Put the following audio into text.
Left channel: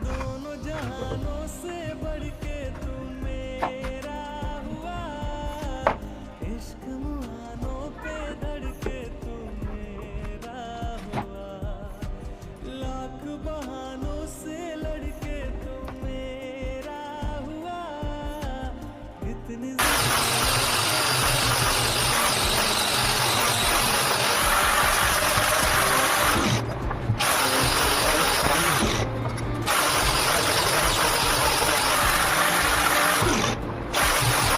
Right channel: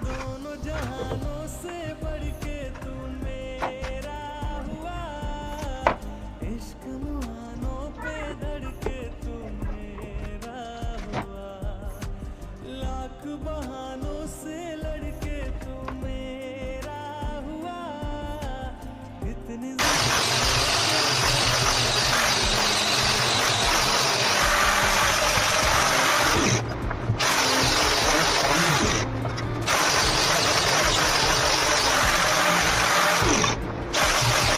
दोनों जहानों से बढ़ के तू मेरा हुआ, इश्क मुआ